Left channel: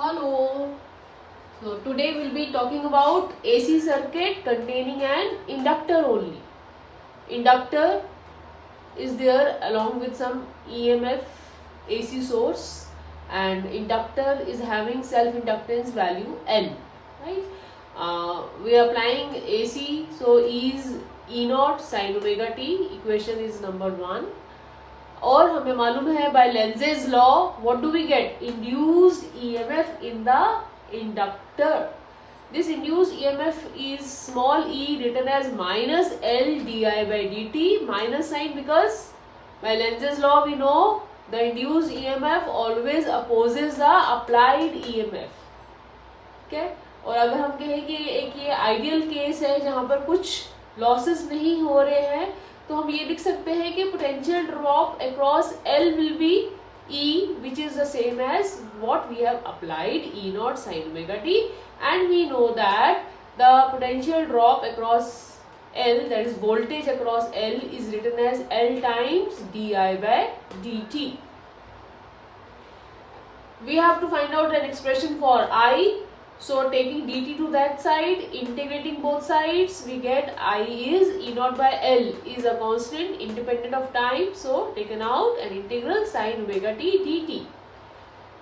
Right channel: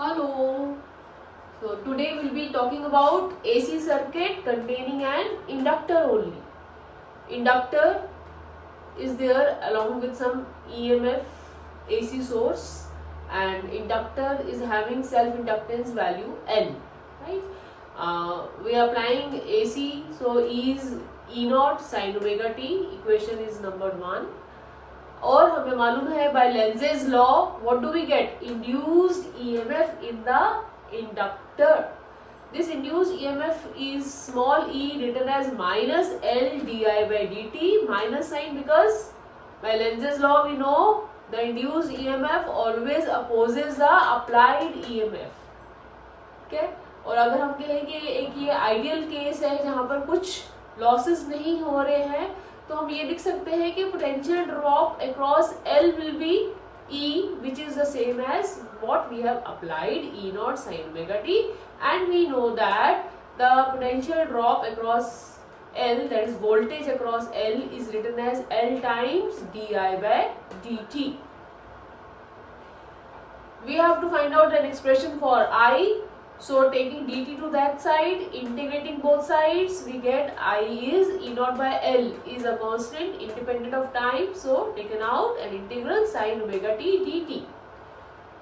Hello. So today we'll be talking about AC circuit containing an inductor only. Inductor is there along with some EMF AC source, and inductor is having self inductance value N, right? We are applying AC, so E is E naught sin omega t. Equation is number 1. और हमें मालूम है by Lenz's law what do we get? Induced EMF in the inductor. This induced EMF is small e written as minus L di by dt, minus sign because by Lenz's law we know the induced EMF always opposes the applied EMF. Okay? और अगर हम कहें कि एक ये ideal case है जहां पर कुछ लॉसेस नहीं हो रहे हैं, तो हम ये लिख सकते हैं कि potential drop across L will be E, which is the same as what we have applied E naught sin omega t, and we know that the potential drop across L, that is voltage across L, is written as L times di by dt. We have to find out an expression for I. So taking dt to that side, integrating both sides, we get I is E naught by L is a constant independent of time. So taken out an integral sin omega t dt.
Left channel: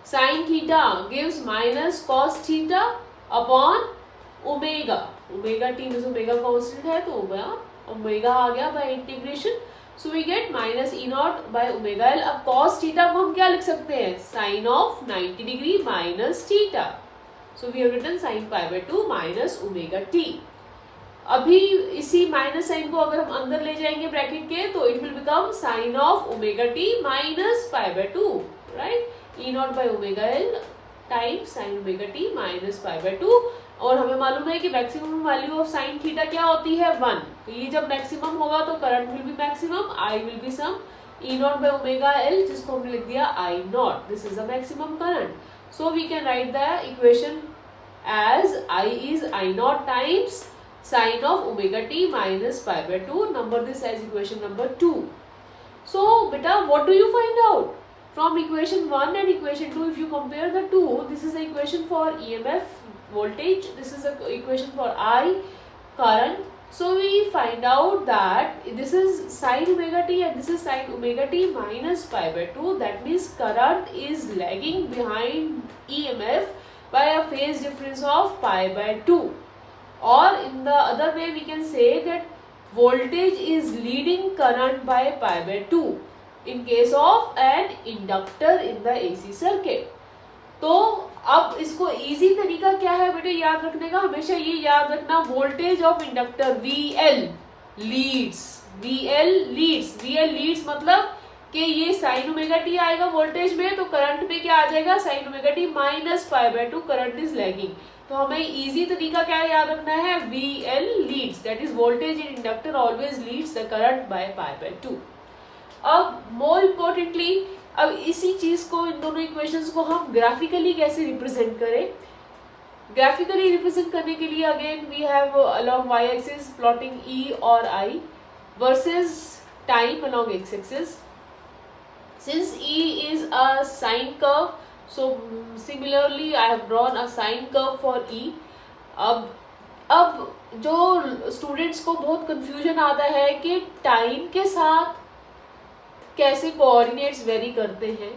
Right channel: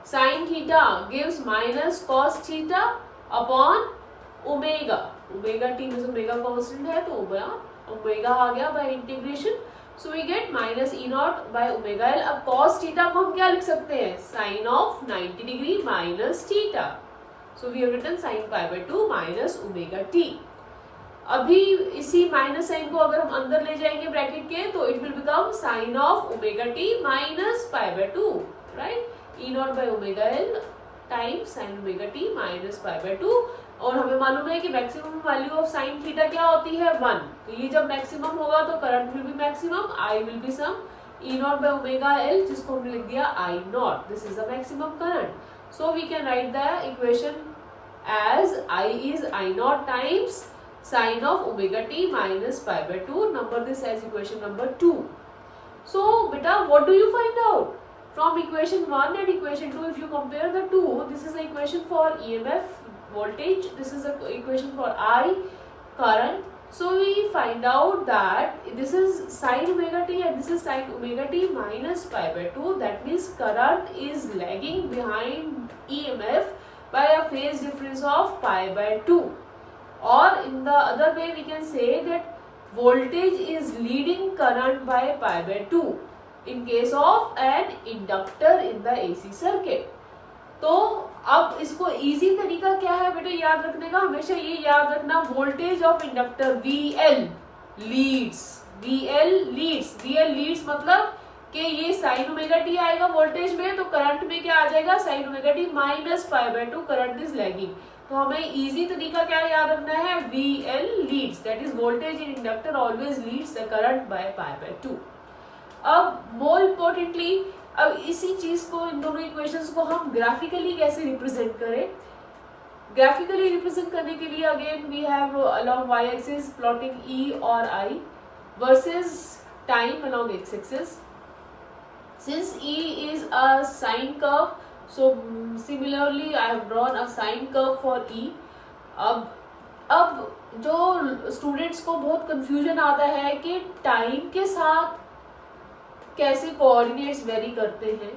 Sin theta gives minus cos theta upon omega. Omega t means omega constant है तो omega आ गया by integration. So we get minus E naught by omega L. अब cos theta को हम क्या लिख सकते हैं? Sin of 90 degree minus theta. So we have written sin pi by 2 minus omega t. अभी इसी माइनस साइन को अगर हम अंदर ले जाएंगे ब्रैकेट के, तो it will become sign of omega T minus pi by 2, right? E nought by omega L times sign omega T minus pi by 2. और हमें मालूम है कि maximum value of sine theta क्या होती है? 1. तो ये जब मैक्सिमम होगा तो current will be maximum, I will be sum E nought by omega L, जिसको हमने लिख दिया I nought. This is the maximum current. So we can write the equation as I is I naught times sin of omega t minus pi by 2. Number this as equation number 2. So beta, what do you find out? From equation 1 and equation 2, if you compare the two, this is the equation for EMF voltage, this is the equation for I current. So we find out that this is sin omega t and this is sin omega t minus pi by 2. That means current is lagging behind EMF by a phase difference of pi by 2. Or in the other way we can say that voltage is leading current by pi by 2 in case of an inductor in the AC circuit. तो अब इसको easy तरीका क्या है बेटे याद रखने का? हमेशा ये याद रखना, voltage of inductor VL leads. VL leads मतलब कि ये साइन ओमेगा टी आएगा वोल्टेज में, तो करंट में क्या आ जाएगा? Sine omega T minus pi by 2. Current is lagging. तो हमें इजी तरीका क्या याद रखना है? VL leads, that is voltage in inductor always leads the current by pi by 2. अब मोर इम्पोर्टेंटली, अब इसी चीज को, इन दोनों इक्वेशंस को हम ग्राफिकली कैसे रिप्रेजेंट करें? ग्राफिकली रिप्रेजेंट करने के लिए again we have along y axis plotting E और I versus time along x axis. Since E is a sine curve, so similarly I have drawn a sine curve for E. अब जो students को बहुत confusion आता है कि time के साथ कैसे कोऑर्डिनेट्स वेरी करते हैं,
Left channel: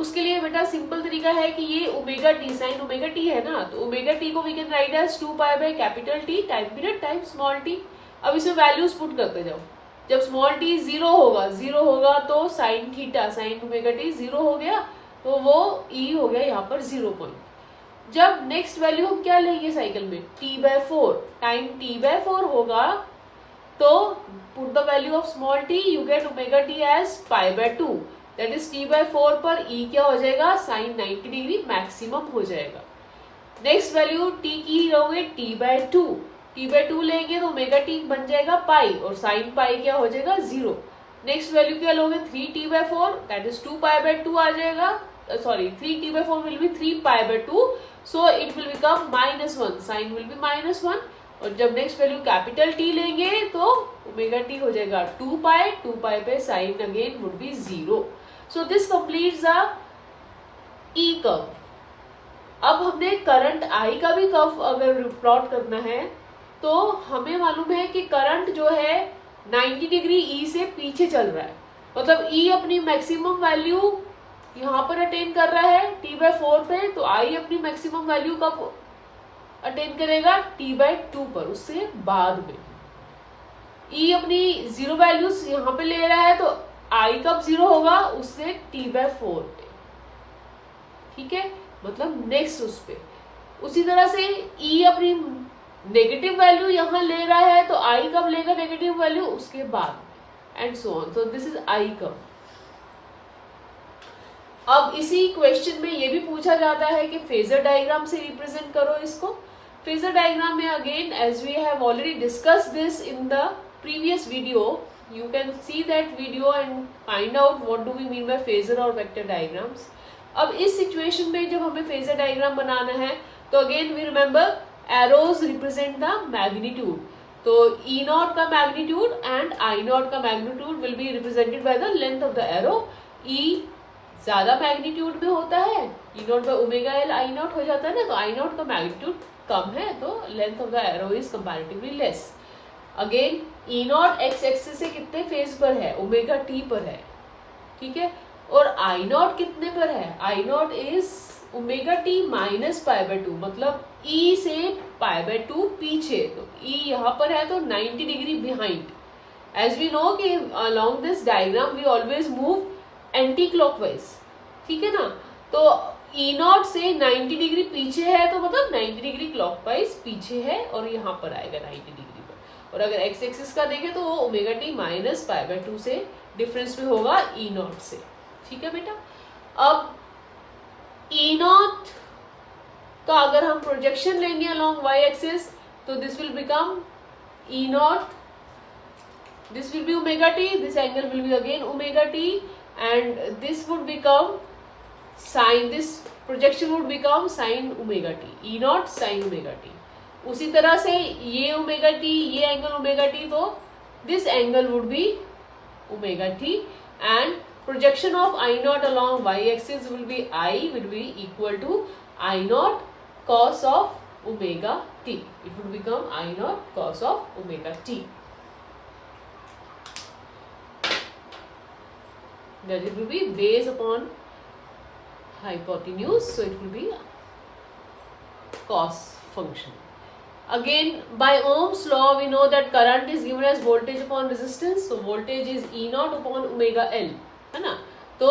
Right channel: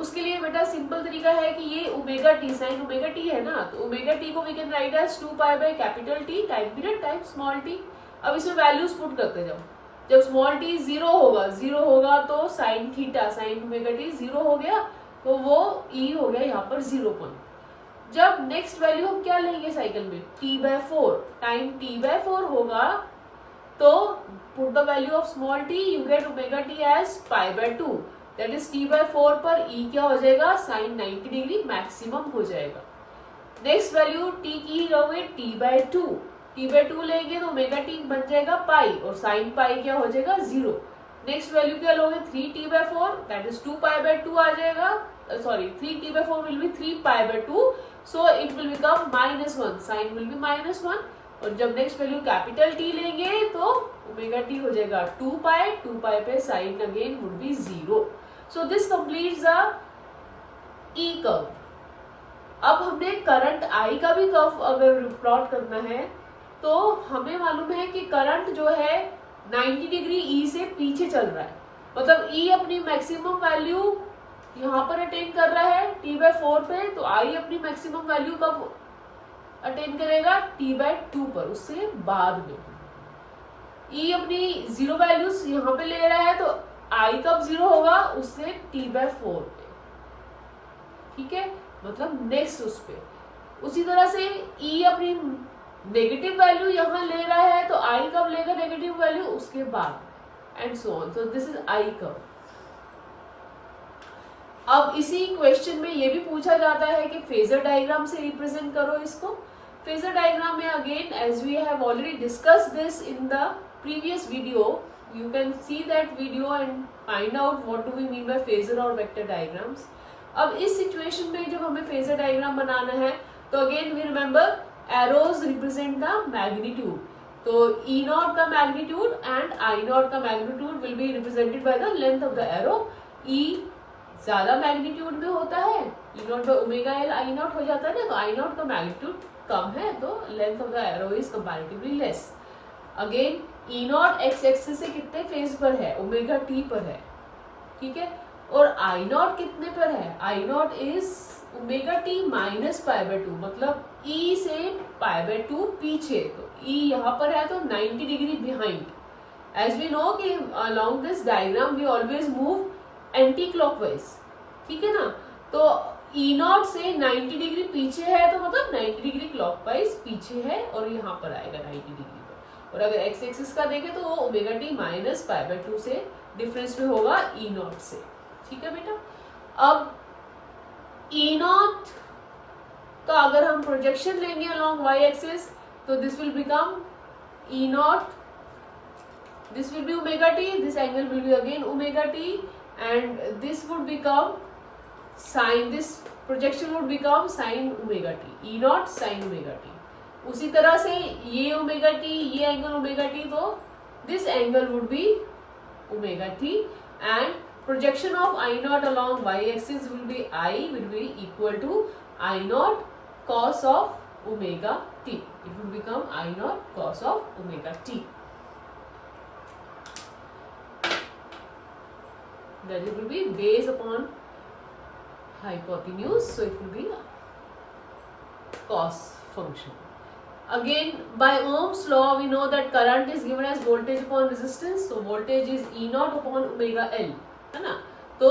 उसके लिए बेटा सिंपल तरीका है कि ये omega T, sine omega T है ना, तो ओमेगा टी को we can write as 2 pi by capital T time period time small T. अब इसमें वैल्यूज पुट करते जाओ. जब स्मॉल टी 0 होगा तो sine theta, sign omega T 0 हो गया, तो वो ई हो गया यहाँ पर 0 पॉइंट. जब नेक्स्ट वैल्यू हम क्या लेंगे साइकिल में? t by 4. Time t by 4 होगा तो put the value of small t, you get omega t as pi by 2. That is t by 4 पर e क्या हो जाएगा? sin 90 डिग्री मैक्सिमम हो जाएगा. नेक्स्ट वैल्यू t की लोगे t by 2. t by 2 लेंगे तो omega t बन जाएगा पाई, और sin पाई क्या हो जाएगा? 0. नेक्स्ट वैल्यू क्या लोगे? 3t by 4, that is 2 pi by 2 आ जाएगा. Sorry, 3t by 4 will be 3 pi by 2. So it will become minus 1. Sin will be minus 1. और जब नेक्स्ट वैल्यू कैपिटल टी लेंगे तो ओमेगा टी हो जाएगा 2 पाई पे sine again would be 0. So this completes the E curve. अब हमने current I का भी कर्व अगर प्लॉट करना है तो हमें मालूम है कि करंट जो है 90 डिग्री E से पीछे चल रहा है, मतलब E अपनी मैक्सिमम वैल्यू यहाँ पर अटेन कर रहा है T/4 पे, तो I अपनी मैक्सिमम वैल्यू कब अटेन करेगा T/2 पर, उससे बाद में। E अपनी जीरो वैल्यूज यहाँ पे ले रहा है तो I कब जीरो होगा, उससे T/4 पे, ठीक है, मतलब नेक्स्ट उस पे। उसी तरह से E अपनी नेगेटिव वैल्यू यहाँ ले रहा है तो I कब लेगा नेगेटिव वैल्यू, उसके बाद, and so on. So this is I curve. अब इसी क्वेश्चन में ये भी पूछा जाता है कि फेजर डायग्राम से रिप्रेजेंट करो इसको। फेजर डायग्राम में again as we have already discussed this in the previous video, you can see that video and find out what do we mean by phasor or vector diagrams. अब इस situation में जो हमें phasor diagram बनाना है तो again we remember arrows represent the magnitude, तो E naught का मैग्नीट्यूड एंड I नॉट का magnitude will be represented by the length of the arrow. E ज्यादा मैग्नीट्यूड में होता है, E naught by omega L I naught हो जाता है ना, तो I नॉट का मैग्नीट्यूड कम है तो length of the arrow is comparatively less. Again E naught X axis से कितने फेज पर है, ओमेगा T पर है, ठीक है, और I नॉट कितने पर है, I nought is omega T minus π/2, मतलब E से π/2 पीछे, तो E यहाँ पर है तो 90 degree behind. As we know कि along this diagram we always move anticlockwise, ठीक है ना, तो E नॉट से 90 डिग्री पीछे है तो मतलब 90 डिग्री क्लॉकवाइज पीछे है और यहाँ पर आएगा 90 डिग्री पर। और अगर एक्स एक्सिस का देखें तो वो ओमेगा T माइनस π/2 से डिफरेंस में होगा E नॉट से, ठीक है बेटा। अब E नॉट का अगर हम प्रोजेक्शन लेंगे अलोंग y एक्सिस तो this will become E not, this will be omega T, this angle will be again omega T and this would become sin, this projection would become sin omega t, E not sin omega t। उसी तरह से ये omega T, ये angle omega T, तो this angle would be omega T and projection of I not along y axis will be equal to I not cos of omega t, it would become I not cos of omega t, that it will be based upon hypotenuse, so it will be cos function. Again, by Ohm's law we know that current is given as voltage upon resistance, so voltage is E naught upon omega L, है ना, तो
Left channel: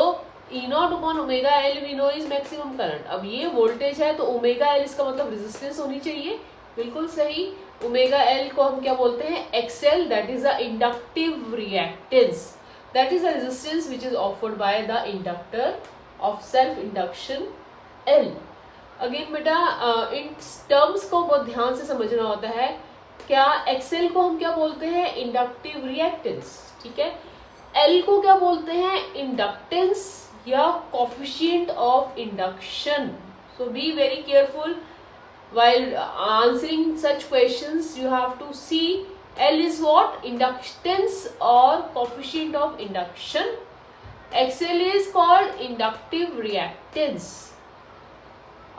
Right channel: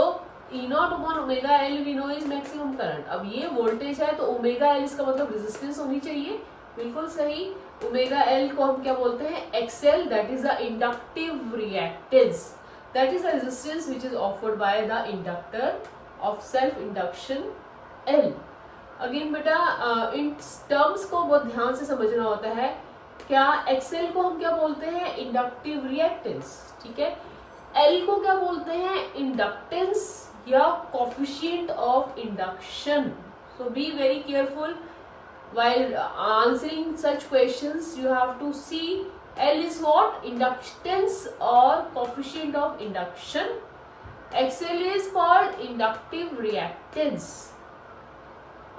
E naught upon omega L we know is maximum current। अब ये voltage है तो omega L इसका मतलब resistance होनी चाहिए, बिल्कुल सही। omega L को हम क्या बोलते हैं, XL, that is the inductive reactance, that is the resistance which is offered by the inductor of self induction L। Again बेटा इन टर्म्स को बहुत ध्यान से समझना होता है। क्या XL को हम क्या बोलते हैं, इंडक्टिव रिएक्टेंस, ठीक है, L को क्या बोलते हैं, इंडक्टेंस या coefficient of induction. So be very careful while answering such questions, you have to see L is what, inductance or coefficient of induction, XL is called inductive reactance।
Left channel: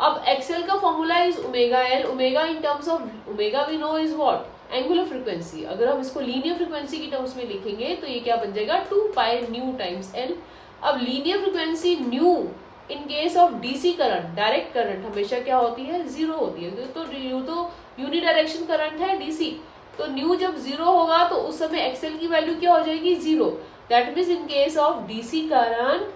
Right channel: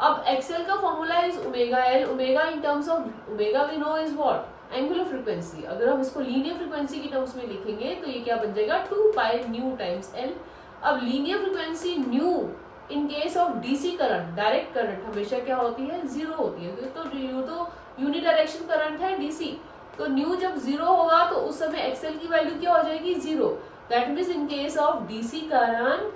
अब XL का formula is omega L, omega in terms of omega we know is what, angular frequency. अगर हम इसको linear frequency की terms में लिखेंगे तो ये क्या बन जाएगा, 2π न्यू टाइम्स L। अब linear frequency new in case of DC current, direct current हमेशा क्या होती है, जीरो होती है, तो यूनिडायरेक्शन करंट है डीसी, तो न्यू जब जीरो होगा तो उस समय एक्सएल की वैल्यू क्या हो जाएगी, zero. That means in case of DC current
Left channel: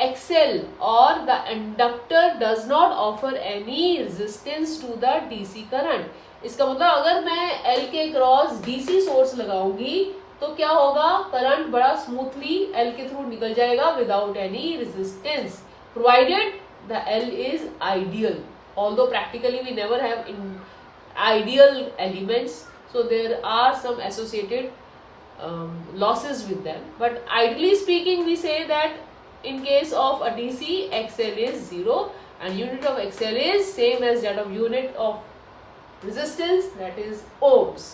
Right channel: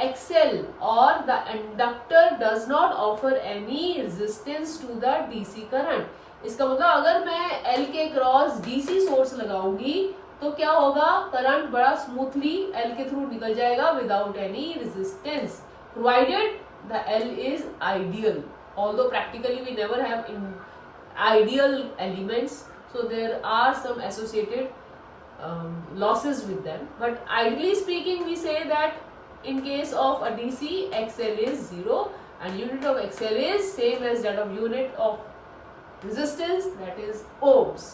XL और the inductor does not offer any resistance to the DC current. इसका मतलब अगर मैं एल के क्रॉस डीसी सोर्स लगाऊंगी तो क्या होगा, करंट बड़ा स्मूथली एल के थ्रू निकल जाएगा without any resistance, provided the L is ideal, although practically we never have in ideal elements, so there are some associated losses with them, but ideally speaking we say that in case of a DC XL is 0 and unit of XL is same as that of unit of resistance, that is ohms.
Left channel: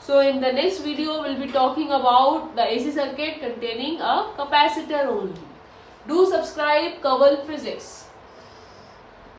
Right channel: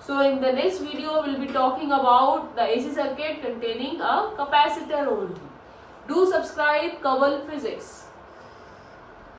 So in the next video we'll be talking about the AC circuit containing a capacitor only. Do subscribe Kaval Physics.